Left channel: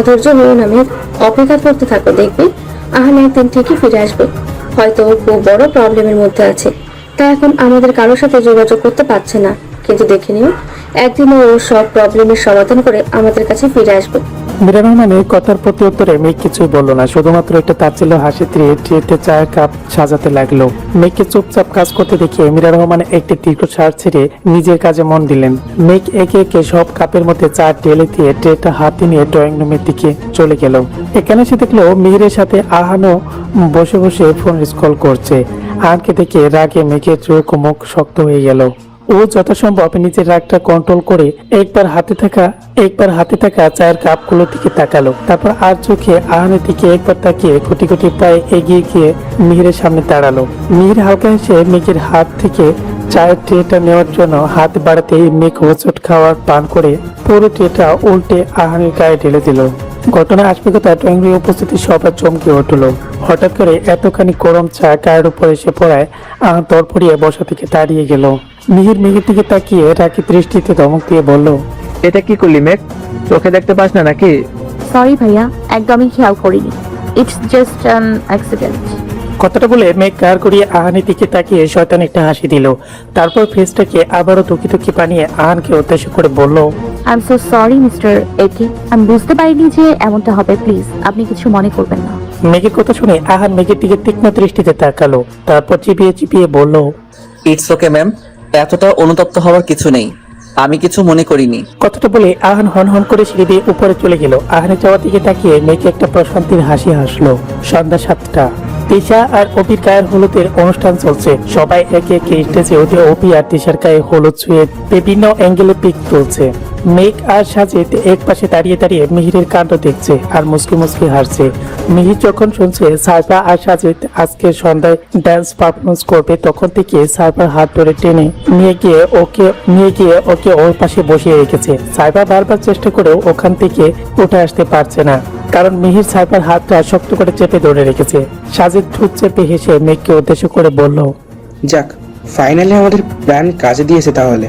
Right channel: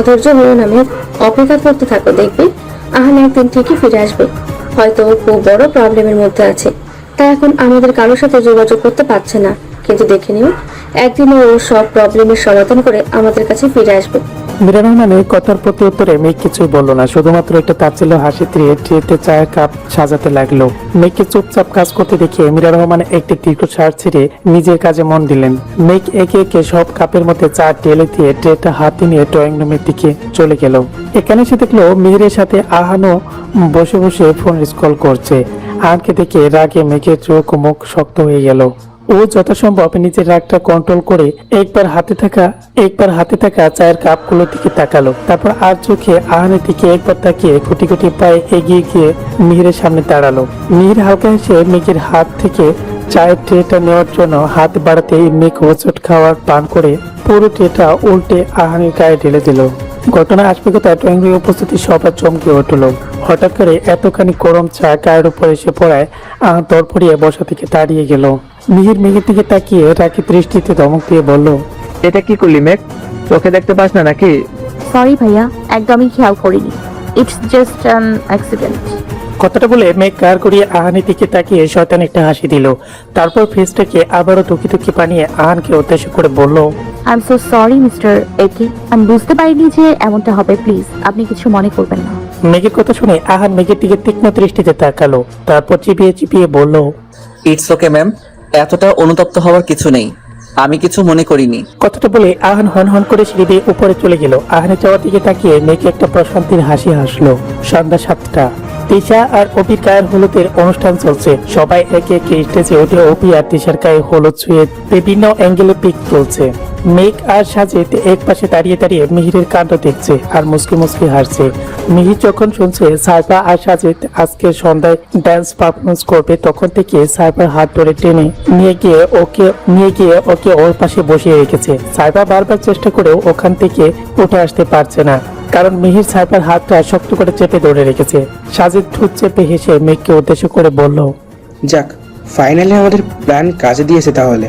অধৈর্য নিয়ে নামে অপেক্ষা করতে থাকো, দেখবে আহান একদম থেকে ফিরে আসবে। হয়তো ও খুব বড় প্রবলেমের মধ্যে আছে, তাই এখন আমাদের কারোর সাথে যোগাযোগ করতে পারছে না, কিন্তু দেখে নিও একদিন ও সব প্রবলেমের সমাধান করে আমাদের কাছে ফিরে আসবে। মীরা রহমানের কথার প্রতি উত্তরে মেঘ কিছুই বলল না, শুধুমাত্র একটু তাচ্ছিল্য হাসি দিয়ে ট্রেতে চায়ের কাপ সাজাতে লাগলো। মেঘকে চুপচাপ কাজ করতে দেখে মীরা রহমান একটি দীর্ঘ শ্বাস ছেড়ে নিজের কাজে মন দিলেন। মেঘ একে একে সব কাপের মধ্যে চা ঢেলে দিয়ে ট্রেটা হাতে নিয়ে ড্রয়িং রুমের দিকে চলে গেল। এখানে সে দেখলো মিহিরের সাথে আহানও বসে বসে ফোন স্ক্রল করছে। আহানকে দেখে রাগে মেঘের চোখ ও মুখ শক্ত হয়ে গেল। ও যথাসম্ভব নিজের রাগটা কন্ট্রোল করে একবার হাতে থাকা চায়ের কাপগুলো দিকে তাকালো, তারপর আর চোখে আহানের দিকে একবার তাকিয়ে কোটি কোটি পায়ে এগিয়ে গিয়ে মিহিরের সামনে দাঁড়ালো। মিহির হালকা হেসে মেঘের হাত থেকে চায়ের ট্রেটা নেওয়ার জন্য হাত বাড়াতে মেঘ হোঁচট খাওয়ার টান করে পুরো ট্রেটা উল্টে আহানের গায়ে ঢেলে দিল। ঘটনা আশপাশে ড্রয়িং রুমে উপস্থিত সবাই চমকে উঠল। হঠাৎ করে এতখানি গরম চা গায়ের উপর এসে পড়ায় তরফড়িয়ে বসা থেকে দাঁড়িয়ে গেল। মিহির মেঘের দিকে তাকিয়ে রাগে দৃষ্টিতে ধমক দিয়ে বলল, এটা কি করলি মেঘ? চোখে দেখতে পাস না নাকি? সরি ভাইয়া, একদমই খেয়াল করিনি, ইটস জাস্ট অ্যাক্সিডেন্ট। কথাটা বলে মেঘ কার করিয়ে আহানের দিকে তাকিয়ে শয়তান একটা হাসি দিল। তারপর ফেসটাকে আবারও টুকি বানিয়ে আহানকে উদ্দেশ্য করে বলল, I am so sorry mister একি, আমি বুঝতে পারিনি যে এমনটা হবে, প্লিজ আপনি কিছু মনে করবেন না। মেঘের কথা শুনে আহান মেঘের দিকে তীক্ষ্ণ দৃষ্টিতে তাকালো, তারপর চিপিয়ে বলল, ইটস ওকে ম্যাম, এতটা অনুতপ্ত হওয়ার কিছু নেই, আমি কিছু মনে করিনি। কথাটা বলে আহান হন করে সিঁড়ি দিয়ে উপরে চলে গেল। আহানের যাওয়ার দিকে তাকিয়ে মেঘে একটা প্রশান্তির হাসি হাসলো। সন্ধ্যা 7টা। তিশা আর অপির গায়ের হলুদের অনুষ্ঠান চলছে। সবাই একে একে স্টেজে উঠে অপি আর তিশার গায়ে হলুদ ছুঁয়ে বিভিন্ন অ্যাঙ্গেলে পিক তুলছে। মেঘ আর সাজিদ এক পাশে দাঁড়িয়ে মিহিরের কাণ্ড দেখছে আর মুসকি হাসছে। মিহির যখন শুনছে সাইফা আর সাজিদ আজকে সন্ধ্যায় ডান্স পারফরমেন্স করবে, তখন থেকে সাইফার হাত ধরে টেনে নিয়ে গিয়ে ওকে ওর পাশে বসিয়ে রেখেছে। সাইফা বারবার চেষ্টা করেও ওখান থেকে উঠে আসতে পারছে না, কারণ মিহির সাইফার হাতটা শক্ত করে চেপে ধরে রেখেছে। সাজিদ ঠোঁট চেপে হেসে মেঘকে উদ্দেশ্য করে বলল, যাক, ফাইনালি আমাদের প্ল্যান কাজে দিয়েছে। তাহলে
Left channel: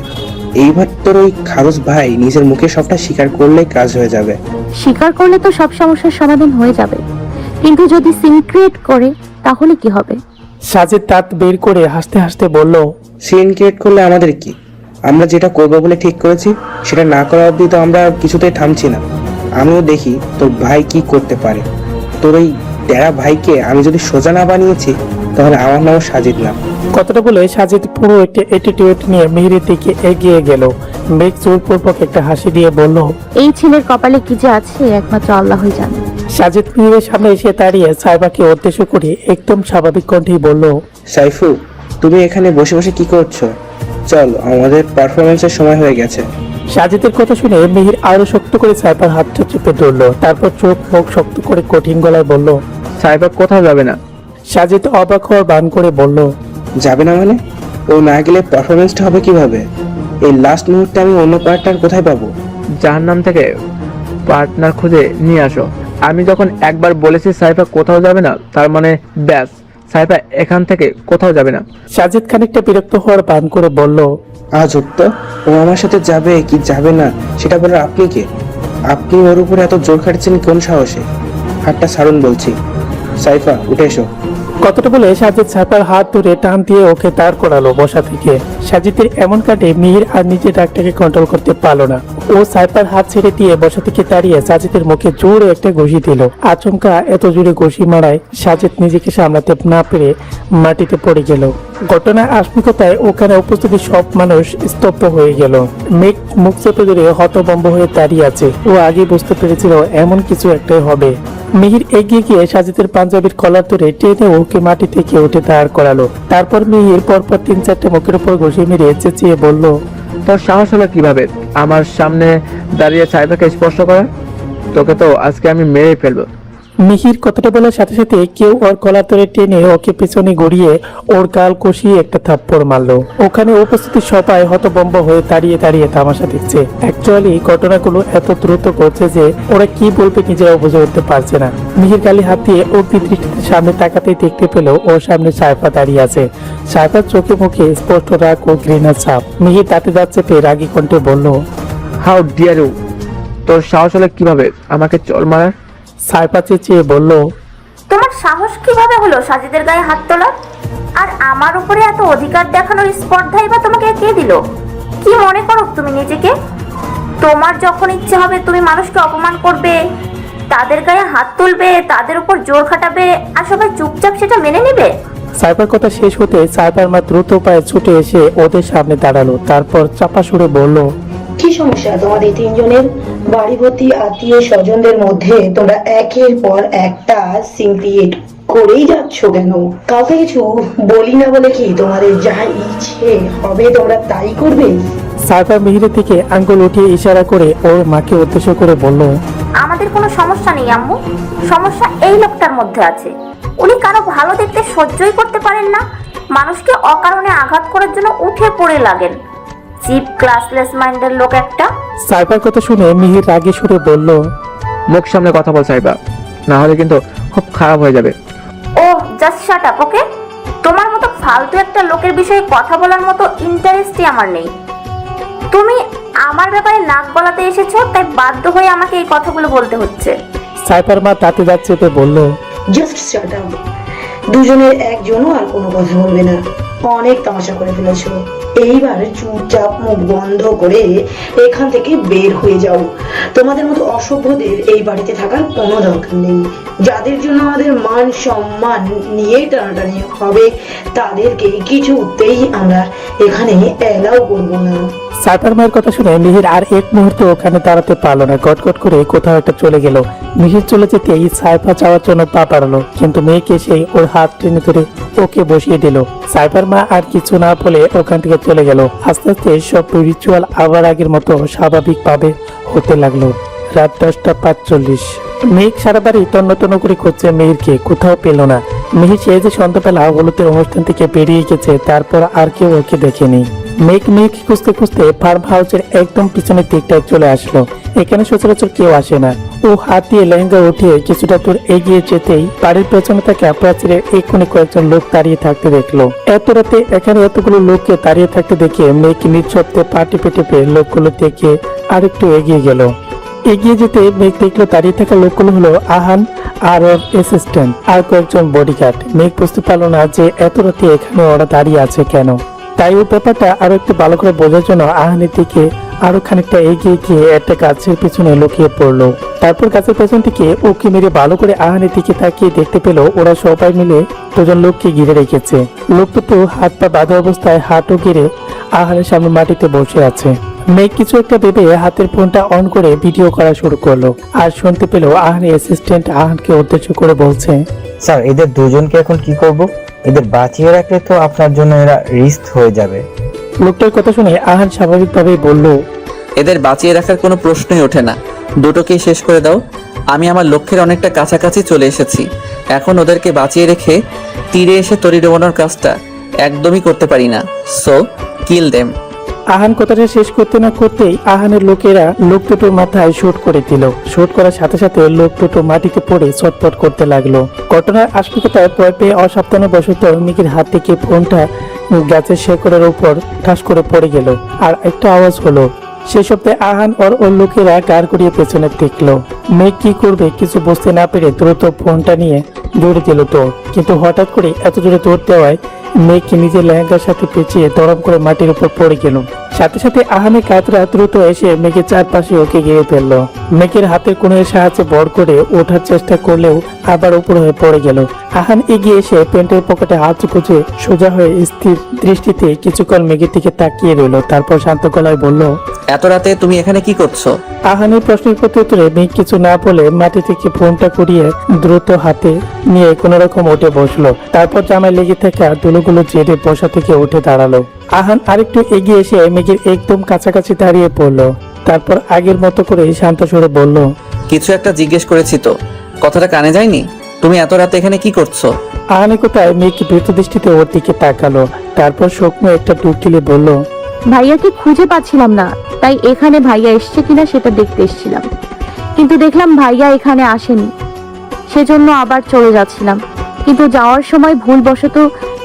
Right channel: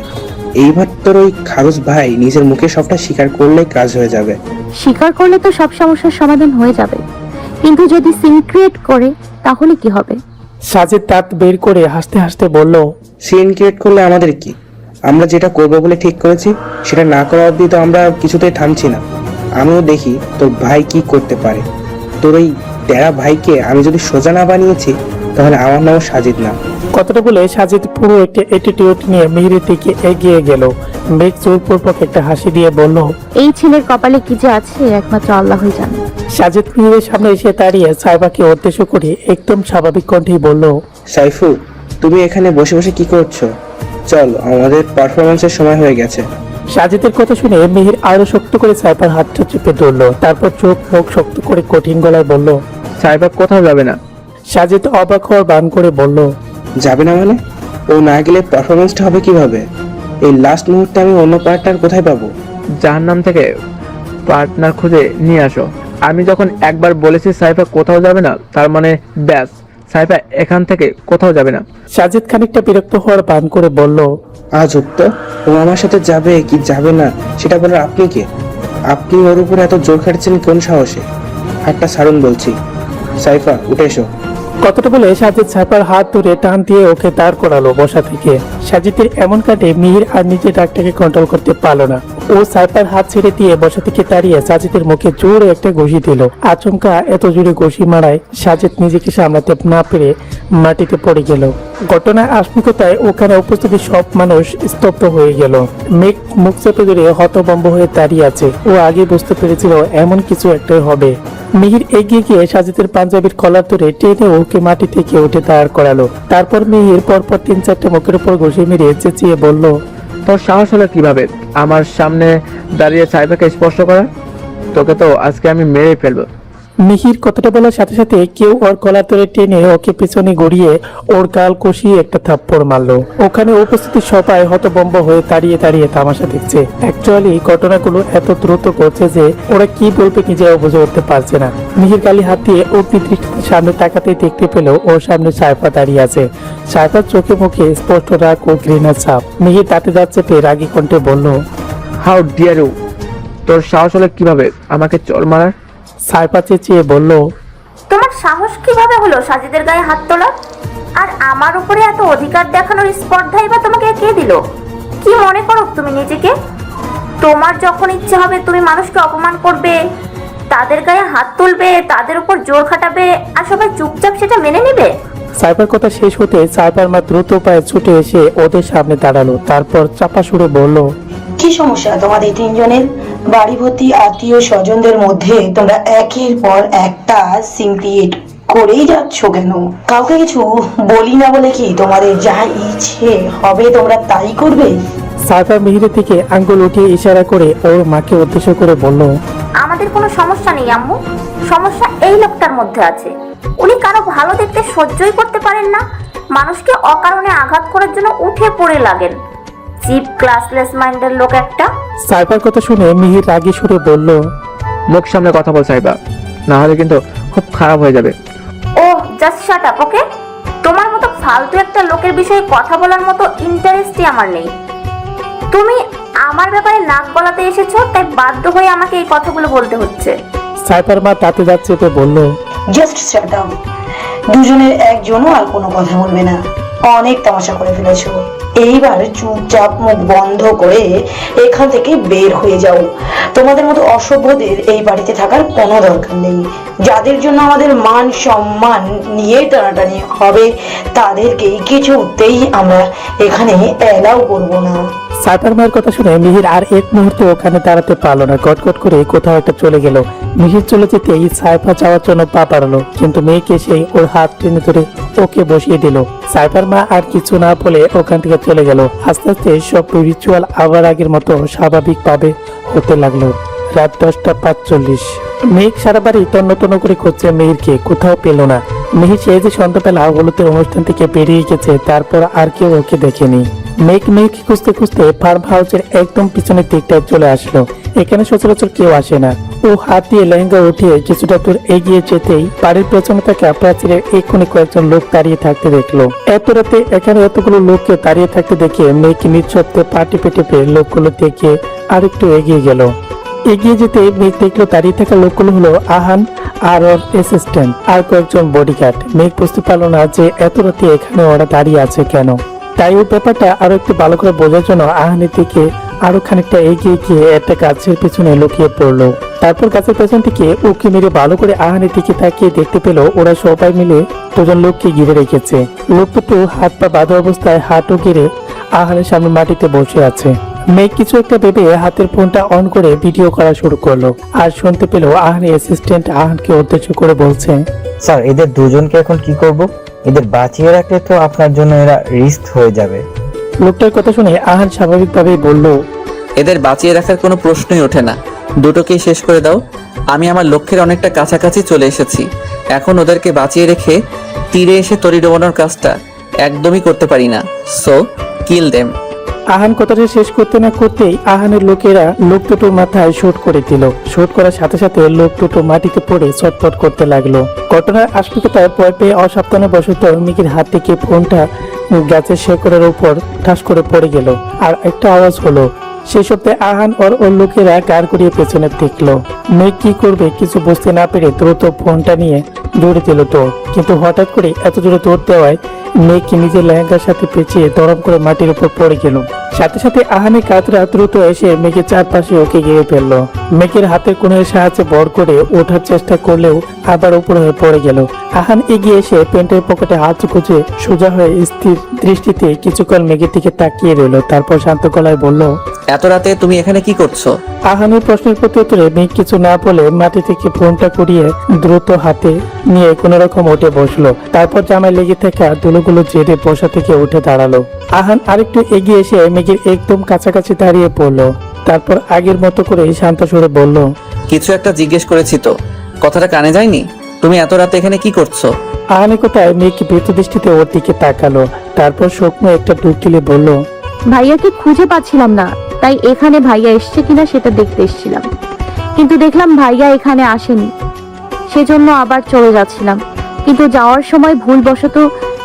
এইবার তোর ওই খারুস ভাই নিজের মুখে সবটা স্বীকার করলেই কাজ হয়ে যাবে। স্বীকার করলে তো সব সমস্যার সমাধান হয়ে যাবে, কিন্তু যদি সিক্রেট করি তাহলে কি হবে? সাজিদ দাঁত বের করে হাসতে হাসতে বলল, সিন ক্রিয়েট করলে আমাদের কি? আমরা যেটা করবো বলে ঠিক করেছি সেটা না করা অব্দি তো আমরা কিছুতেই থামছি না। আমিও দেখি তোর ভাই কি করতে পারে। তোর ওই তেরা ভাইকে আমি যদি সোজা না বানিয়েছি তাহলে আমার নাম সাজিদ না। কথাটা বলে সাজিদ পুরো একটা অ্যাটিটিউড নিয়ে মিহিরের দিকে এগিয়ে গেল। মেঘ জোরপূর্বক একটা হাসি দিয়ে বলল, এই ছেলের কপালে কি যে আছে একমাত্র আল্লাহই জানে। সাজিদ মিহিরের সামনে এসে দাঁড়িয়ে সাইফাকে উদ্দেশ্য করে একদম স্বাভাবিক কণ্ঠেই বলল, সাইফু, তুমি এখানে বসে বসে কি করছো? চল, আমাদের পারফরমেন্সের সময় হয়ে গেছে। সাজিদের কথা শুনে মিহির আরো শক্ত করে সাইফার হাতটা চেপে ধরলো। তারপর চোখ মুখ শক্ত করে কঠিন গলায় বলল, সাইবা কোথাও যাবে না। সাজিদ অবাক হওয়ার বান করে বলল, যাবে না মানে? ও না গেলে পারফরমেন্সটা হবে কিভাবে? এই লাস্ট মুহূর্তে আমি অন্য পার্টনার কোথায় পাবো? যার নাম থেকে পার্টনার খুঁজে নিয়ে আসো। আমি যখন একবার বলেছি সাইবা কোথাও যাবে না, তার মানে ব্যাস, সাইবা এখান থেকে কোথাও যাবে না। সাজিদ খানিকটা বিরক্ত হওয়ার বান করে বলল, আজ উত্তর ও আমার সাথে যাবে কি যাবে না সেটা বলে আপনি কে? আপনি ওর উপর এত জোর খাটছেন কোন সাহসে? হাতটা ছাড়ুন বলছি। সাইফা, উঠে এসো। কথাটা বলে সাজিদ সাইফার হাত ধরে টান দিয়ে ওকে দাঁড় করালো বসা থেকে। সাজিদের এমন কাটে মিহির আর নিজের ডাকটাকে কন্ট্রোল করতে পারলো না। ও সাইফার হাত ছেড়ে দিয়ে বসা থেকে দাঁড়িয়ে সাজিদের মুখে জোরে একটা ঘুষি দিল। আচমকা এত জোরে ঘুষি মারায় সাজিদ নিজেকে সামলাতে না পেরে মাটিতে পড়ে গেল। ঘটনা আশঙ্কায় ওখানে উপস্থিত সব মানুষ স্তব্ধ হয়ে গেল। মেঘ মুখ চেপে ধরে হতভম্ব হয়ে দাঁড়িয়ে আছে। ও আগে বুঝতে পেরেছিল এমন কিছু একটাই হবে। মিহির এগিয়ে গিয়ে সাজিদের পাঞ্জাবির কলার ধরে টেনে ওকে মাটি থেকে উঠে দাঁড় করালো। তারপর মিহির পরপর 3-4টা লোকের উপর ঘুষে মেরে চেঁচিয়ে বলল, তোর সাহস হলো কিভাবে আমার সামনে দাঁড়িয়ে সাইবাকে স্পর্শ করা? তোকে তো আজকে আমি মেরে ফেলবো। মিহির কথাটা বলার সাথে সাথে কেউ ওর কলার ধরে টেনে ওকে পেছনে গড়িয়ে ওর গাল কষিয়ে একটা থাপ্পড় মারলো। ওখানে উপস্থিত সবাই হতভম্ব হয়ে দাঁড়িয়ে তামাশা দেখছে। অ্যাকচুয়ালি ঘটনাগুলো এত দ্রুত ঘটছে যে ওরা কি বলবে নিজেরা বুঝে উঠতে পারছে না। মিহির গালি হাত দিয়ে ও দৃষ্টিতে সামনে তাকাতেই দেখতে পেল ওর সামনে সাইফা দাঁড়িয়ে আছে। সাইফার চোখে মুখে স্পষ্ট রাগ ও ঘৃণার ছাপ। মিহির তাতে যাচ্ছে রাগী কণ্ঠে বলল, হাউ ডিয়ার ইউ! তোর সাহস হলে কিভাবে আমাকে চল মারার? সাইফা চেঁচিয়ে বলল, তোমার সাহস কিভাবে হলো সাজিদের গায়ে হাত তোলার? আর আমার উপরে এত অধিকার দেখানোর স্পর্ধাই বা তোমাকে কে দিল? কি মনে করো তুমি নিজেকে? তোমার যখন ইচ্ছে হবে তুমি মানুষকে অপমান করবে, তাদের গায়ে হাত তুলবে, তাদের উপর জোর খাটাবে, আর সবাই চুপচাপ সেটা মেনে নেবে। সাইফার কথা শেষ হতে সাইফার মা দ্রুত উপায়ে ছুটে এসে ওদের সামনে দাঁড়ালো। তারপর চাপা সুরে বলল, কি সমস্যা তোমাদের তিনজনের? বাড়ি ভর্তি আত্মীয় স্বজনদের মধ্যে তোমরা একের পর একটা সিম ক্রিয়েট করেই যাচ্ছ কেন? কাউকে কিছু বলি না বলে কি তোমাদের যা ইচ্ছে হবে তোমরা তাই করবে? সাইফা মিহিরের থেকে আঙ্গুল উঠিয়ে ইশারা করে ওর মাকে উদ্দেশ্য করে বলল, আমাদের কোনো সমস্যা নেই আম্মু, সমস্যা এই লোকটার মধ্যে আছে। উনি কারো ভালো দেখতে সহ্যই করতে পারেন না, মানুষকে অকারণে আঘাত করার জন্য উঠে পড়ে লাগেন। চিপ ক্লাসলেস মাইন্ডের লোক একটা। সাইফার কথা শুনে মিহির রাগে সুরে বলল, মুখ সামনে কথা বল সাইফা, নাহলে কিন্তু খুব খারাপ হয়ে যাবে। ও জাস্ট শাট আপ, ওকে? তোমার মতো ফালতু একটা লোকের বিষয়ে কথা বলার মতো ইন্টারেস্টই আমার নেই। তুমি আমার ব্যাপারে নাক গলাতে এসেছো, তাই বাধ্য হয়ে আমাকে এই কথাগুলো বলতে হচ্ছে। সাইফার মা তাতে যাচ্ছে তো বলল, জাস্ট শাট আপ। দুজনের একজনও আর কোনো কথা বলবে না। অনেক তামাশা করে ফেলেছো, এইবার চুপচাপ মুখ বন্ধ করে এখান থেকে বের হয়ে যাও। তোমাদের মতো অসভ্যদের এই বাড়িতে থাকার কোনো দরকার নেই। যাদের জন্য আমাদের মান সম্মান নিয়ে টানাটানি হবে তাদেরকে কিছুতেই আমরা এখানে এলাও করবো না। সাইফার মায়ের কথা শুনে মিহির আর এক মুহূর্তে ওখানে দাঁড়াতে পারলো না। কটকট করে কোথাও একটা চলে গেল। মিহির চলে যেতেই সাইফা চাওয়ার জন্য পা বাড়ালো, কিন্তু মেয়েকে সেই ওর হাত টেনে ধরে ওকে বসিয়ে দিল। সাইফার মা আর কিছু না বলে ওখান থেকে চলে গেল। আস্তে আস্তে সব রিচুয়াল আবার আগের মতো স্বাভাবিক ভাবে হতে লাগলো। রাত 10:45। মেঘ সারা বাড়ি তন্ন তন্ন করে খুঁজছে মেহেরকে, কোথাও পেল না। মেহের সে যে সন্ধ্যাবেলা হলুদের অনুষ্ঠান থেকে বেরিয়ে গেছে, তারপর আর কেউ ওকে দেখেনি। মেঘ খুঁজতে খুঁজতে ফার্ম হাউসের একদম পিছনের দিকটায় চলে আসলো। এখানে সচরাচর কেউ আসে না। ও হাত দিয়ে লেহেঙ্গা উঠিয়ে কিছুটা দূর এগিয়ে যেতেই বাড়ির পেছনে থাকা প্রাচীরে এক্ষুনি কয়েকজন লোক দাঁড়িয়ে থাকতে দেখলো। এত রাতে এখানে এতগুলো লোককে দাঁড়িয়ে থাকতে দেখে মেঘ নিঃশব্দে পা টিপে টিপে লোকগুলো দেখে আর একটু এগিয়ে গেল। এগিয়ে যেতে মেঘ দেখলো দাঁড়িয়ে থাকা লোকগুলো হলো আহান আর ওর অ্যাসিস্ট্যান্ট আর কয়েকজন বডিগার্ড। মেঘ বুঝতে পারলো না যে এত রাতে এখানে ওরা দাঁড়িয়ে আছে কেন। তাই ওই ব্যাপারটা আরো একটু ভালো করে বোঝার জন্য আহানের দিকে আরো খানিকটা এগিয়ে গিয়ে একটা গাছের পেছনে লুকিয়ে পড়লো। তারপর গাছের পেছন থেকে উকি মেরে ভালো করে আহানের দিকে তাকিয়ে দেখতে পেল ওরা সবাই মিলে দুজন লোককে ঘিরে রেখেছে। লোকটা হাত পা বাঁধা অবস্থায় হাঁটু গেড়ে আহানের সামনে মাটিতে বসে আছে। মেঘ কিছু একটা ভেবে হাতের ফোনটা অন করে ভিডিও করা শুরু করলো। আর শুনতে পেল আহানের অ্যাসিস্ট্যান্ট আহানকে উদ্দেশ্য করে বলছে, স্যার এদের দুজনকে এখন কি করব? এদের বাঁচিয়ে রাখলে তো আপনার জন্য এরা রিস্ক হয়ে যাবে। লোকটার কথা শুনে আহান স্বাভাবিকভাবেই বলল, এদের বাঁচিয়ে রাখার কোনো প্রশ্নই ওঠে না, দুটোকে শেষ করে দাও। আমি আমার লক্ষ্যের অনেকটা কাছাকাছি চলে এসেছি। এখন ওদেরকে বাঁচিয়ে রেখে তীরে এসে তরি ডোবানোর কাজটা একদমই করতে পারি না। সো কিল দেম। আহান কথাটা শেষ করতে না করতেই আহানের লোকেরা লোক দুটোর মাথায় শট করে দিল। শট করার সাথে সাথে লোক দুটো মাটিতে পড়ে চটপট করতে লাগলো। ঘটনার আশঙ্কায় ভয় পেয়ে অসাবধানে বশত মেঘের হাত থেকে ফোনটা গাছের শেকড়ের উপর ঠাস করে পড়ে গেল। আর একটা আওয়াজ হলো। সেই সপ্তাহে আহান ওর লোকেরা গাড় করিয়ে পেছনে দেখলো। মেঘ কি করবে কিছু বুঝতে না পেরে দ্রুত ফোনটা নিয়ে দৌড়ে দিল তো, কিন্তু হঠাৎ করে এত জোরে দৌড় দেওয়ায় মেঘকে নিজের লেহেঙ্গার সাথে পিছিয়ে দরম করে মাটির উপর পড়ে গেল। সাথে সাথে আহানের কাতরা দ্রুত এসে মেঘের চারপাশে ওকে ঘিরে ফেললো। মেঘের হাতের কোণের সাহায্যে ভর করে ওঠার চেষ্টা করলেও আবার উপর হয়ে পড়ে গেল। আহান এগিয়ে এসে প্যান্টের পকেটে হাত গুজে সোজা হয়ে স্থির দৃষ্টিতে কিছুক্ষণ মেঘের দিকে তাকিয়ে রইল। তারপর শান্ত গলায় বলল, এত রাতে তুমি এখানে কি করছো? আহানের প্রশ্নের প্রত্যুত্তরে মেঘ কিছু না বলে মাটি থেকে ফোনটা করিয়ে দ্রুত হাতে নিয়ে কোন রকম উঠে বসলো। তারপর জামায় লেগে থাকা দুলোগুলো জেরি বসা থেকে উঠে দাঁড়ালো। আহান আরেকটু এগিয়ে এসে মেঘের একদম কাছাকাছি দাঁড়িয়ে পড়লো। তারপর আগের মতো করে শান্ত সুরে বলল, কিছু একটা জিজ্ঞেস করেছি তো, কথাটা কানে যায়নি? তুমি এত রাতে এখানে কি করছো? আহানের কোথায় মেঘ ভীত দৃষ্টিতে ওর দিকে তাকালো। তারপর শুকনো একটা টুক তুলে বলল, ভাইয়াকে খুঁজে পাচ্ছিলাম না, তাই এখানে ভাইয়া এসছে কিনা সেটা দেখতে এসেছিলাম, কিন্তু দেখলাম ভাইয়া এখানে আসেনি, সেজন্য আবার চলে যাচ্ছিলাম। কিন্তু যাওয়ার সময় ভুলবশত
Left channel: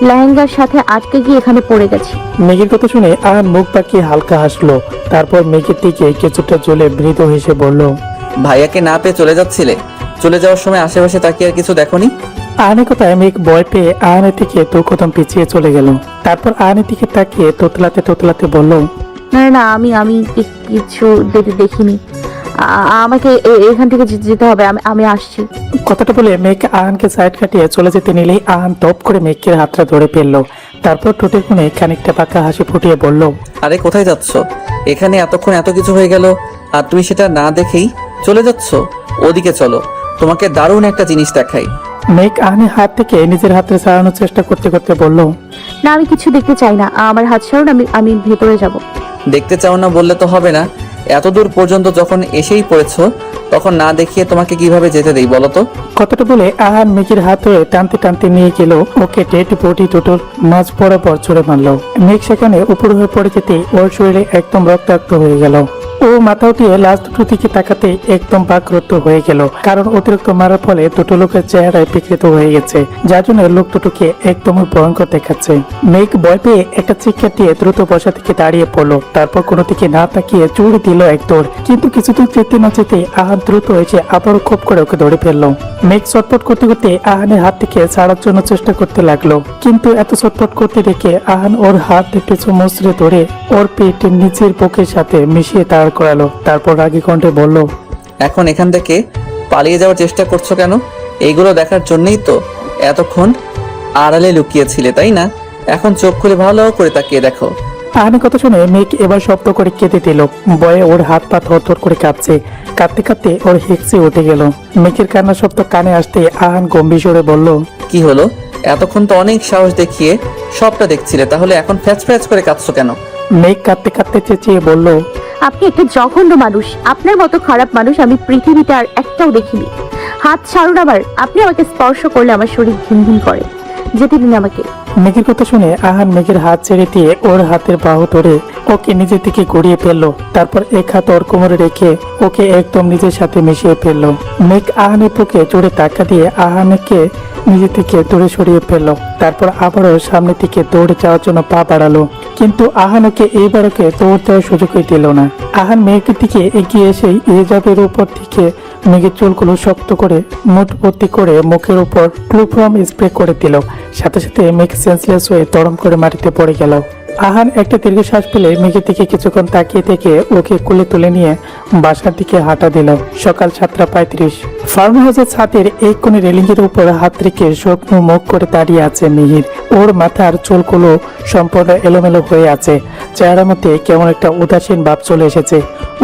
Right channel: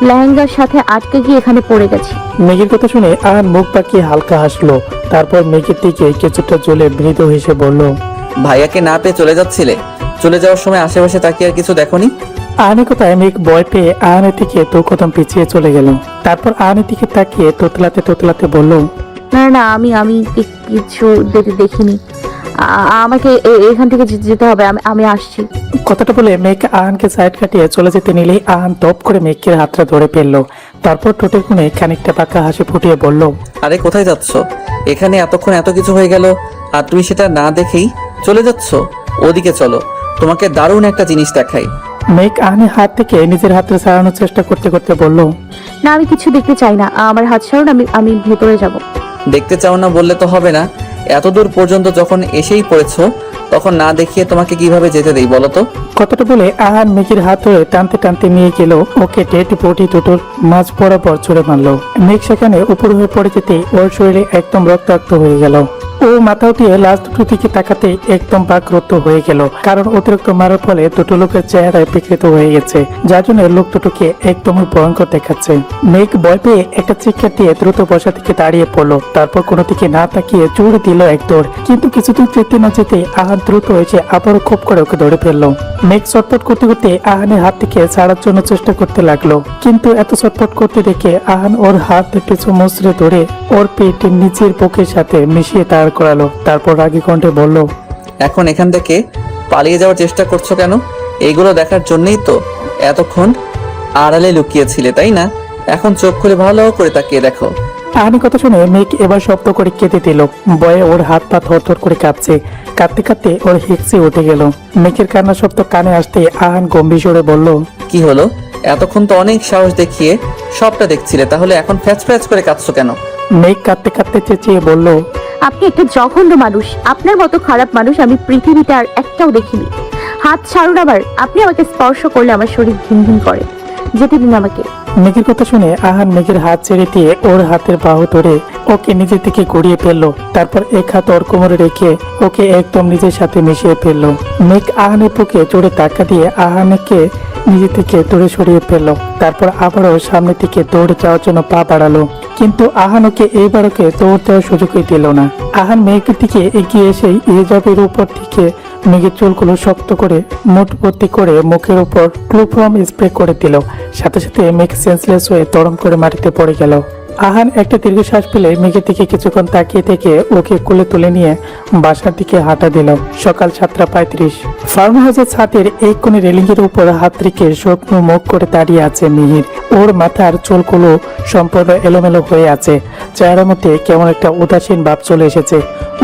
লেহেঙ্গার সাথে আটকে গিয়ে এখানে পড়ে গেছে। মেঘের কথা শুনে আহান মুখ পাকিয়ে হালকা হাসলো। তারপর মেঘের দিকে কিছুটা জ্বলে মৃত এসে বলল, ভাইয়াকে না পেয়ে চলে যাচ্ছিলে? চলে যাওয়ার সময় আশেপাশে তাকিয়ে আর কিছু দেখোনি? আহানের কথায় মেঘ ভয় পেয়ে আহানের থেকে 2 কদম পিছিয়ে চলে গেল। তারপর আহানের দিকে তাকিয়ে তোতলাতে তোতলাতে বলল, না না, আমি কিছু দেখিনি। আমাকে এখান থেকে যেতে হবে, আমি আসছি। কথাটা বলে মেঘ আহানকে সাইড কাটিয়ে চলে যেতে নিলে আহান টপ করে মেঘকে হাতরে ধরে ফেললো। তারপর ঠোঁটের কোণে খানিকটা বাঁকা হাসি ফুটিয়ে বলল, আরে কোথায় যাচ্ছ? এখানে এতক্ষণ এত কিছু হয়ে গেল আর তুমি সেটা না দেখেই চলে যাচ্ছ? ওদিকে চলো, তোমাকে দারুণ একটা জিনিস দেখাই। মেঘ আহানের হাত থেকে নিজের হাতে সারানোর চেষ্টা করতে করতে বলল, না, আমি কিছু দেখতে চাই না। আমার হাত ছাড়ুন, আমি ভেতরে যাব। দেখতে চাও না বললে তো হবে না। এত দূর পর্যন্ত যখন এসেই পড়েছো তখন না দেখিয়ে তোমাকে কিভাবে যেতে দেই বলো তো? কথাটা বলে আহান মেঘের হাত ধরে টানতে টানতে নিয়ে গেল ওকে ডেড বডি দুটোর মাঝ বরাবর ছুড়ে মারলো। মেঘ সেখানে উপর হয়ে পড়ে যেতে ওর শরীরে একদম রক্তাক্ত হয়ে গেল। ও মাথা উঠিয়ে লাশ দুটো দিকে তাকাতে একদম বাকরুদ্ধ হয়ে গেল, কারণ অতিরিক্ত মারের ফলে দুটো লোকের চেহারায় বিকৃত হয়ে গেছে, যার জন্য লোক দুটোকে একদমই ভয়ঙ্কর দেখাচ্ছে। মেঘ ভয় পেয়ে একটা চিৎকার দিয়ে দ্রুত বসা থেকে দাঁড়িয়ে পড়লো। তারপর কোনো দিকে না তাকিয়ে চড়ে দিল এক দৌড়, কিন্তু কিছুটা যেতে না যেতে আহান দ্রুত হয়েছে আবারও খুব করে ওকে ধরে ফেললো। মেঘ ছটফট করতে করতে আহানের হাত থেকে ছাড়ার জন্য চেষ্টা করতে লাগলো, কিন্তু এত ছটফট করতে দেখে আহান ওর হাত দুটো চমৎসে ধরে ওর পেটের নিচের বুকের সাথে মিশিয়ে দাঁড় করালো। তারপর রাগী কণ্ঠে বলল, এখন এখান থেকে পালিয়ে যাওয়ার চেষ্টা করছো কেন? এইগুলো দেখার জন্যই তো এতক্ষণ আড়ালে লুকিয়েছিলে, তাই না? এখন চোখ করে ভালো করে তাকিয়ে দেখো। আহানের কথা শুনে মেঘ এবার শব্দ করে কেঁদে দিল। ভয়ে ওর হাত পা থরথর করে কাঁপছে। কাঁপতে কাঁপতে ওর হেঁচে উঠে গেল। মেঘের কান্নার শব্দ কানে আসতে আহান গম্ভীর স্বরে বলল, কি হলো? এতক্ষণ তো অনেক সাহস দেখিয়ে সবটা দেখছিলে, তাহলে এখন ফ্যাচ ফ্যাচ করে কাঁদছো কেন? মেঘ কাঁদতে কাঁদতে চেঁচিয়ে বলল, আপনি একটা জঘন্য মানুষ। আপনার মতো খারাপ মানুষ আমি পৃথিবীতে আর একটাও দেখিনি। হাত ছাড়ুন আমার। আপনি আমাকে স্পর্শ করলে আমার শরীর ঘিনঘিন করে। যেতে দিন আমাকে। মেঘের কথা শুনে আহান মেঘের হাত ছেড়ে দিয়ে ওর হাতের বাহু ধরে ওকে নিজের দিকে ঘুরিয়ে ফেললো। তারপর এক হাত ওর কোমরে রেখে ওকে একদম নিজের সাথে মিশিয়ে ফেললো। মেঘ আহানের বুকে জোরে ধাক্কা দিয়ে আহানকে নিজের দিকে দূরে সরিয়ে ফেললো। তারপর আবারও সামনের দিকে দৌড়ে যাওয়ার জন্য পা বাড়ালো, কিন্তু আহান ওকে এইবারকে দৌড়তে সুযোগই দিল না। আহান মেঘের দিকে এগিয়ে এসে এজাবের উপর দিকে মেঘের চুলগুলো শক্ত করে মুঠ ভর্তি করে মুখের উপর ক্লোরোফর্ম স্প্রে করে দিল। সাথে সাথে মেঘ সেন্সলেস হয়ে তরম করে মাটিতে পড়ে গেল। আহান একটা দীর্ঘশ্বাস ফেলে মেঘের দিকে কিছুক্ষণ তাকিয়ে থেকে ওকে কোলে তুলে নিয়ে বাসার দিকে হাঁটা দিল। সকাল 7:35। ফার্ম হাউসের ছাদের এক কোণে রেলিং এর উপর হাত রেখে শুকনো মুখ করে দাঁড়িয়ে আছে মিহির। ওর মাথার চুলগুলো সম্পূর্ণ এলোমেলো হয়ে আছে, চেহারার মধ্যে কেমন একটা উদাসীন ভাব চলে এসেছে।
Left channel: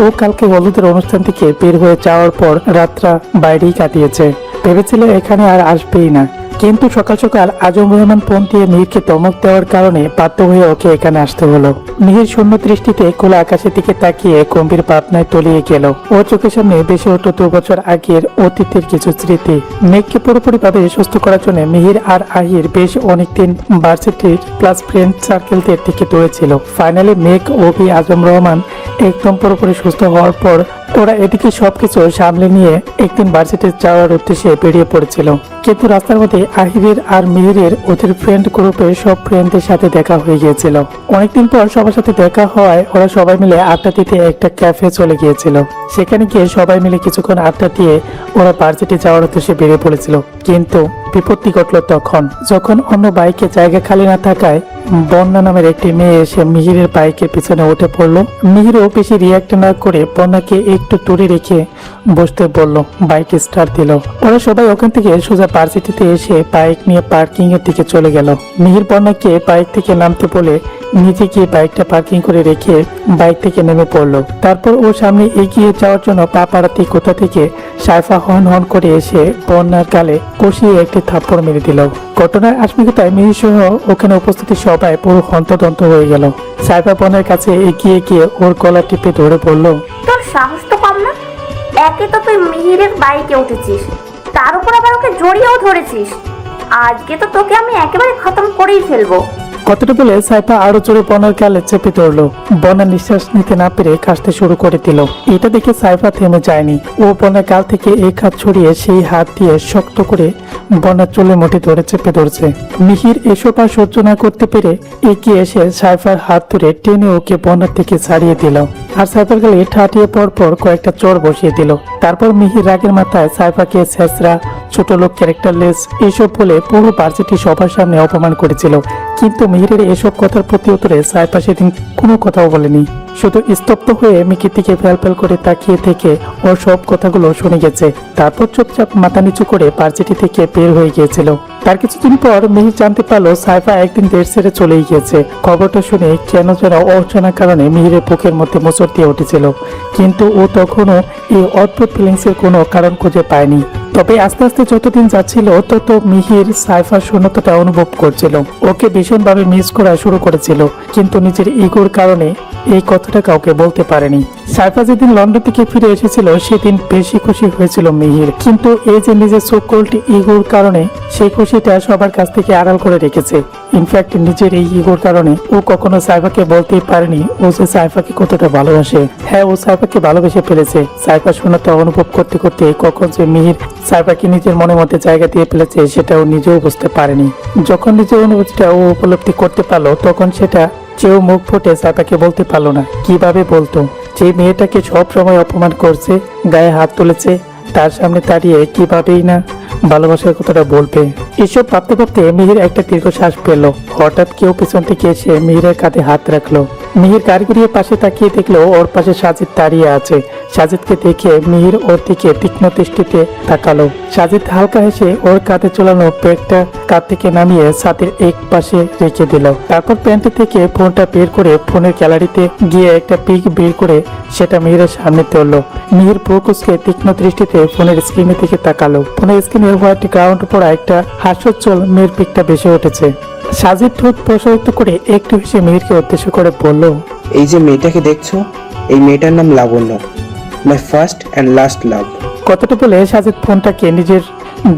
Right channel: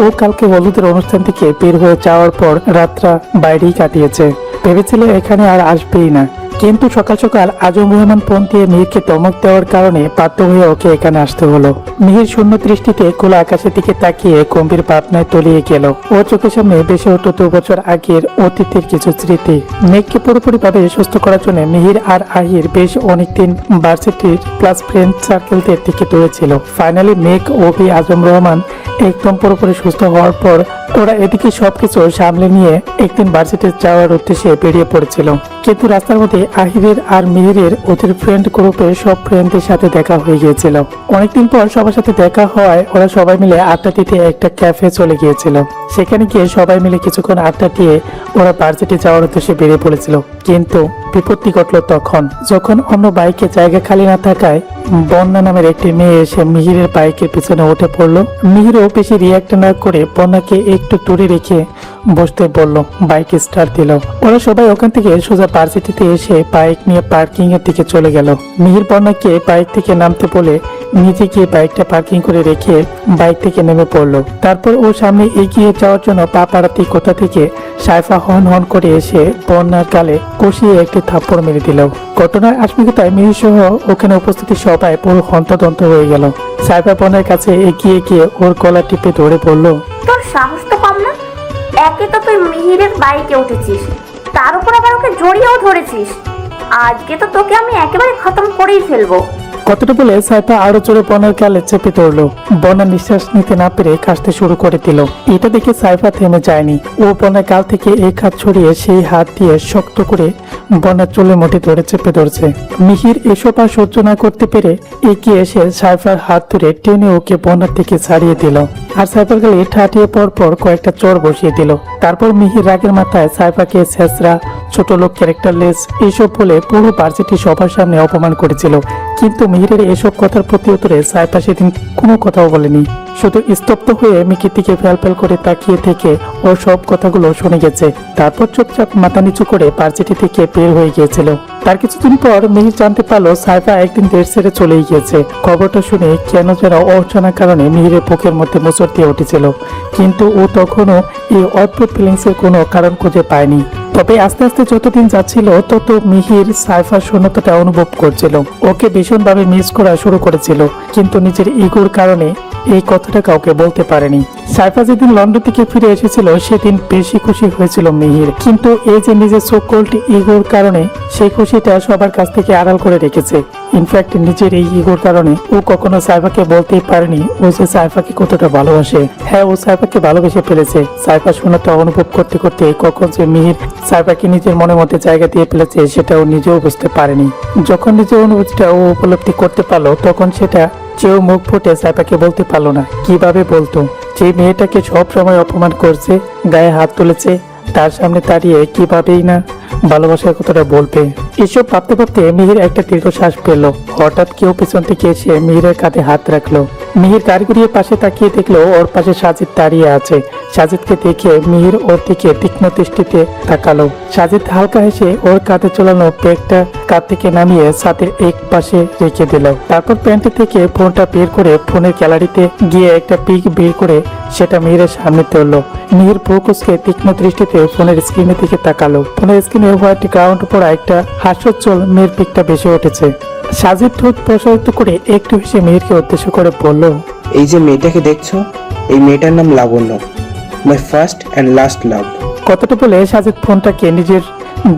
ও কালকে হলুদের অনুষ্ঠান থেকে বের হয়ে যাওয়ার পর রাতটা বাইরেই কাটিয়েছে। ভেবেছিল এখানে আর আসবেই না, কিন্তু সকাল সকাল আজম রহমান ফোন দিয়ে মেয়েকে ধমক দেওয়ার কারণে বাধ্য হয়ে ওকে এখানে আসতে হলো। মেয়ের শূন্য দৃষ্টিতে খোলা আকাশের দিকে তাকিয়ে গম্ভীর ভাবনায় তলিয়ে গেল। ওর চোখের সামনে ভেসে উঠল 2 বছর আগের অতীতের কিছু স্মৃতি। মেঘকে পুরোপুরি ভাবে সুস্থ করার জন্য মিহির আর আহির বেশ অনেকদিন ভার্সিটির ক্লাস ফ্রেন্ড সার্কেলদের টিকিট হয়েছিল। ফাইনালি মেঘ ও আজম রহমান একদম পুরোপুরি সুস্থ হওয়ার পর ওরা এদিকে সবকিছু সামলে নিয়ে একদিন ভার্সিটি যাওয়ার উদ্দেশ্যে বেরিয়ে পড়েছিল। কিন্তু রাস্তার মধ্যে আহিরের আর মিহিরের ওদের ফ্রেন্ড গ্রুপের সব ফ্রেন্ডদের সাথে দেখা হয়ে গিয়েছিল। অনেকদিন পর সবার সাথে দেখা হওয়ায় ওরা সবাই মিলে আড্ডা দিতে একটা ক্যাফে চলে গিয়েছিল। সেখানে গিয়ে সবাই মিলে কিছুক্ষণ আড্ডা দিয়ে ওরা ভার্সিটি যাওয়ার উদ্দেশ্যে বেরিয়ে পড়েছিল। কিন্তু বিপত্তি ঘটল তখন, যখন অন্য বাইকে জায়গা খালি না থাকায় বন্য নামের একটি মেয়ে এসে মিহিরের বাইকের পেছনে উঠে পড়লো। মিহিরও বেশি রিয়াক্ট না করে বন্যাকে একটু দূরে রেখে বসতে বলল। বাইক স্টার্ট দিল। ওরা সবাই ওখান থেকে সোজা ভার্সিটিতে এসে বাইক নিয়ে পার্কিং এর দিকে চলে গেল। মিহির বন্যাকে বাইক থেকে নামতে বলে নিজে গিয়ে বাইকটা পার্কিং করে রেখে বাইক থেকে নেমে পড়লো। তারপর ও সামনে এগিয়ে যাওয়ার জন্য পা পাড়াতে কোথা থেকে সাইফা হন হন করে এসে বন্যার গালে কষিয়ে একটি থাপ্পড় মেরে দিল। ঘটনার আশপাশে মেয়ে সহ ওখানে উপস্থিত সবাই পুরো হন্তদন্ত হয়ে গেল। সাইফা বন্যার কাছে এগিয়ে গিয়ে ওর গলা টিপে ধরে বলল, তোর সাহস তো কম না। একে তো তুই মিহিরের বাইকে উঠেছিস, তার উপর আবার ওকে জড়িয়ে ধরেছিস। আজকে তো তোকে আমি একেবারে খতম করেই ফেলবো। কথাটা বলে সাইফা আরো জোরে বনার গালে চেপে ধরলো। বনা নিঃশ্বাস নিতে না পেরে কাশতে শুরু করে দিল। এটা দেখে সাইফা থেমে যায়নি। ও বনার গাল থেকে এক হাত ছড়িয়ে সেই হাত দিয়ে শক্ত করে বনার চুলের মাঠে ধরে চেপে ধরছে। মিহির এসব আর সহ্য না করতে পেরে এগিয়ে এসে সাইফার হাত ধরে টেনে ওকে বনার থেকে ছাড়িয়ে দিল। আর সাইফার গালে ঠাটিয়ে পরপর কয়েকটা চড় বসিয়ে দিল। তারপর মিহির রাগের মাথায় সাইফাকে ছেঁচড়া, ছোট লোক, ক্যারেক্টারলেস এইসব বলে পুরো ভার্সিটি সবার সামনে অপমান করেছিল। কিন্তু মিহিরের এসব কথার প্রতি উত্তরে সাইফা সেদিন কোনো কথাও বলেনি। শুধু স্তব্ধ হয়ে মিহির দিকে ফ্যাল করে তাকিয়ে থেকে ও সব কথাগুলো শুনে গেছে। তারপর চুপচাপ মাথা নিচু করে ভার্সিটি থেকে বের হয়ে গিয়েছিল। তার কিছুদিন পর মিহির জানতে পারলো সাইফা একদিন দেশ ছেড়ে চলেই গিয়েছে। খবরটা শুনে কেন যেন অর্চনার কারণে মিহিরের বুকের মধ্যে মোচড় দিয়ে উঠেছিল, কিন্তু ও তখনও এই অদ্ভুত ফিলিংসের কোনো কারণ খুঁজে পায়নি। তবে আস্তে আস্তে যতদিন যাচ্ছিল তত মিহির সাইফার শূন্যতাটা অনুভব করছিল। ওকে ভীষণভাবে মিস করা শুরু করেছিল, কিন্তু নিজের ইগোর কারণে এই কথাটা কাউকে বলতে পারেনি। সাইফা যেদিন লন্ডন থেকে ফিরে এসেছিল সেদিন বেশি খুশি হয়েছিল মিহির, কিন্তু এই যে নিজের সো-কল্ড ইগোর কারণে সেই খুশিটা সবার কাছ থেকে আড়াল করে রেখেছে। ইনফ্যাক্ট নিজের এই ইগোর কারণে ও কখনো সাইফাকে বলতেই পারেনি ও যে সাইফাকে কতটা ভালোবাসে। হ্যাঁ, ও সাইফাকে ভালোবেসে ফেলেছে। সাইফা শূন্যতা অনুভব করতে করতে কখন যে মিহির সাইফাকে নিজের মনের মধ্যে জায়গা দিয়ে ফেলেছে সেটা ও নিজেও বুঝতে পারেনি। যখন নিজের অনুভূতিটা ও উপলব্ধি করতে পারলো তখন সেটা কেউ মুখ ফুটে সাইফাকে বলতে পারলো না। কিভাবে বলতো? যে মেয়েটাকে সব সময় অপমান করছে, গায়ে হাত তুলেছে, তার সামনে দাঁড়িয়ে কিভাবেই না ভালোবাসার কথাটা বলতে। এসব ভাবতে ভাবতে মিহির একটা দীর্ঘশ্বাস পেল। হঠাৎ কেউ পেছন থেকে এসে মিহিরের কাঁধে হাত রাখলো। মিহির গাড়ি ঘুরিয়ে পাশে তাকিয়ে দেখলো ওর পাশে সাজিদ দাঁড়িয়ে আছে। সাজিদকে দেখে মিহির ওর দিকে তীক্ষ্ণ দৃষ্টিতে তাকালো। সাজিদ হালকা হেসে ওর কাঁধে চলানো ব্যাগটা কাঁধ থেকে নামিয়ে ছাদের এক পাশে রেখে দিল। তারপর প্যান্ট থেকে ফোনটা বের করে ফোনের গ্যালারিতে গিয়ে একটা পিক বের করে সেটা মিহিরের সামনে তুললো। মিহির ফোকাসকে তীক্ষ্ণ দৃষ্টিতে ফোনের স্ক্রিনের দিকে তাকালো। ফোনের স্ক্রিনে হোয়াইট গ্রাউন্ড পড়া একটা হাস্যোজ্জ্বল মেয়ের পিকটা বেশি উঠেছে। সাজিদ ঠোঁট প্রসারিত করে একটু হেসে মেয়েরকে উদ্দেশ্য করে বলল, এই যে মেয়েটাকে দেখছো, এই মেয়েটার নাম লাবণ্য, মাই ফার্স্ট অ্যান্ড লাস্ট লাভ। কথাটা বলে সাজিদ ফোনটাকে নিজের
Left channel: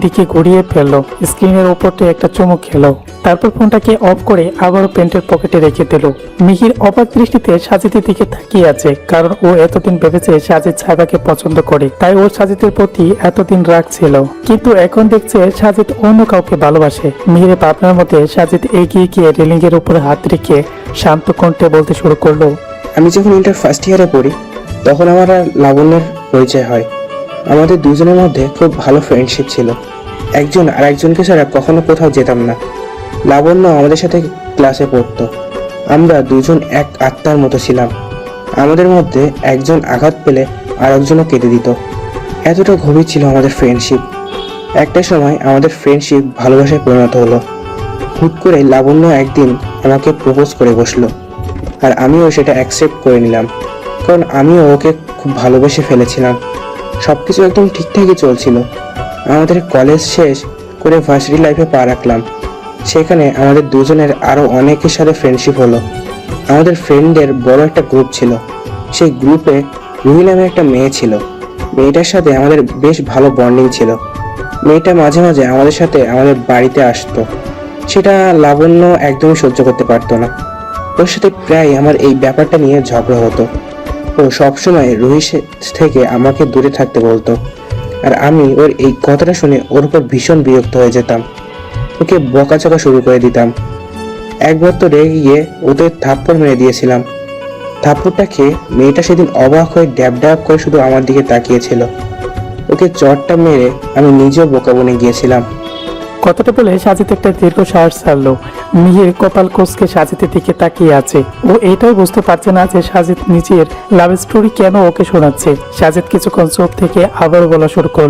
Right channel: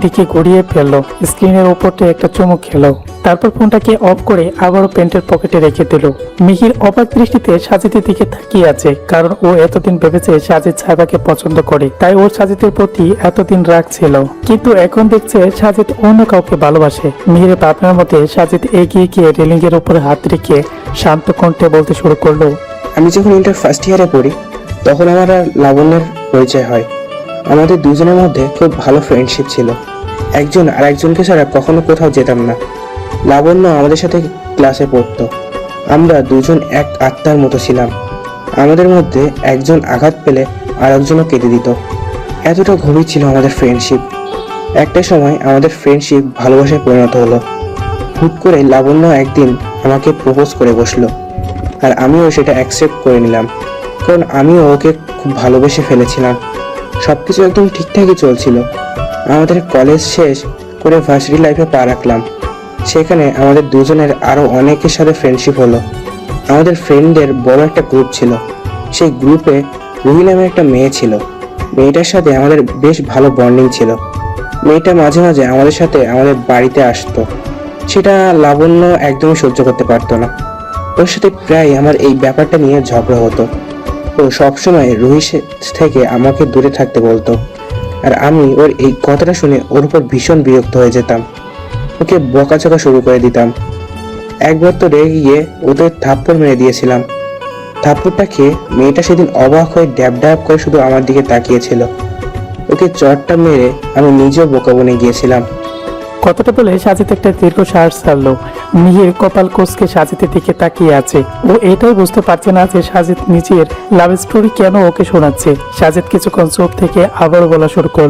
দিকে ঘুরিয়ে ফেললো। স্ক্রিনের উপর তো একটা চমক খেলো। তারপর ফোনটাকে অফ করে আবারও প্যান্টের পকেটে রেখে দিল। মিহির অবাক দৃষ্টিতে সাজিদের দিকে তাকিয়ে আছে, কারণ ও এতদিন ভেবেছে সাজিদ সাইফাকে পছন্দ করে, তাই ও সাজিদের প্রতি এতদিন রাগ ছিল। কিন্তু এখন দেখছে সাজিদ অন্য কাউকে ভালোবাসে। মিহিরের ভাবনার মধ্যে সাজিদ এগিয়ে গিয়ে রেলিং এর উপরে হাত রেখে শান্ত কণ্ঠে বলতে শুরু করলো, আমি যখন ইন্টার ফার্স্ট ইয়ারে পড়ি তখন আমার আর লাবণ্যের পরিচয় হয়। আমাদের দুজনের মধ্যে খুব ভালো ফ্রেন্ডশিপ ছিল। একজন আর একজনকে ছাড়া কখনো কোথাও যেতাম না। লাবণ্য আমাদের সাথে ক্লাসে পড়তো। আমরা দুজন এক আত্মার মতো ছিলাম। আমাদের মধ্যে একজন আঘাত পেলে আর একজনও কেঁদে দিত। এতটা গভীর ছিল আমাদের ফ্রেন্ডশিপ। একটা সময় আমাদের ফ্রেন্ডশিপ ভালোবাসায় পরিণত হলো। হুট করে লাবণ্য একদিন আমাকে প্রপোজ করে বসলো, আর আমিও সেটা অ্যাকসেপ্ট করে নিলাম, কারণ আমিও ওকে খুব ভালোবেসে ফেলেছিলাম। সবকিছু একদম ঠিকঠাকই চলছিল। আমাদের কলেজ শেষ করে ভার্সিটি লাইফে পা রাখলাম। সেখানে আমাদের দুজনের আরো অনেকের সাথে ফ্রেন্ডশিপ হলো। আমাদের ফ্রেন্ডদের বড় একটা গ্রুপ ছিল। সেই গ্রুপে রুহি নামের একটা মেয়ে ছিল। মেয়েটার সাথে আমাদের বেশ ভালো বন্ডিং ছিল। মেয়েটা মাঝে মাঝে আমাদের সাথে আমাদের বাড়িতে আসতো। সেটা লাবণ্য একদমই সহ্য করতে পারতো না। ওর সাথে প্রায় আমার এই ব্যাপারটা নিয়ে ঝগড়া হতো। ও সবসময় রুহির থেকে আমাকে দূরে থাকতে বলতো, আর আমি ওর এই কথাটা শুনে ওর উপর ভীষণ বিরক্ত হয়ে যেতাম। ওকে বকাঝকা শুরু করে দিতাম। একবার তো রেগে গিয়ে ওদের থাপ্পড় মেরে দিয়েছিলাম। থাপ্পড়টা খেয়ে মেয়েটা সেদিন অবাক হয়ে ড্যাব ড্যাব করে শুধু আমার দিকে তাকিয়েছিল। ওকে চটটা মেরে আমি নিজেও বোকা মনে গিয়েছিলাম। কথাটা বলে সাজিদ একটি দীর্ঘশ্বাস ছাড়লো। মিহির কপাল কোষকে সাজিদের দিকে তাকিয়ে আছে। ও এটাই বুঝতে পারছে না যে সাজিদ নিজের লাভ স্টোরি কেন ওকে শোনাচ্ছে। সাজিদ কিছুক্ষণ চুপ থেকে আবার বলা শুরু করলো,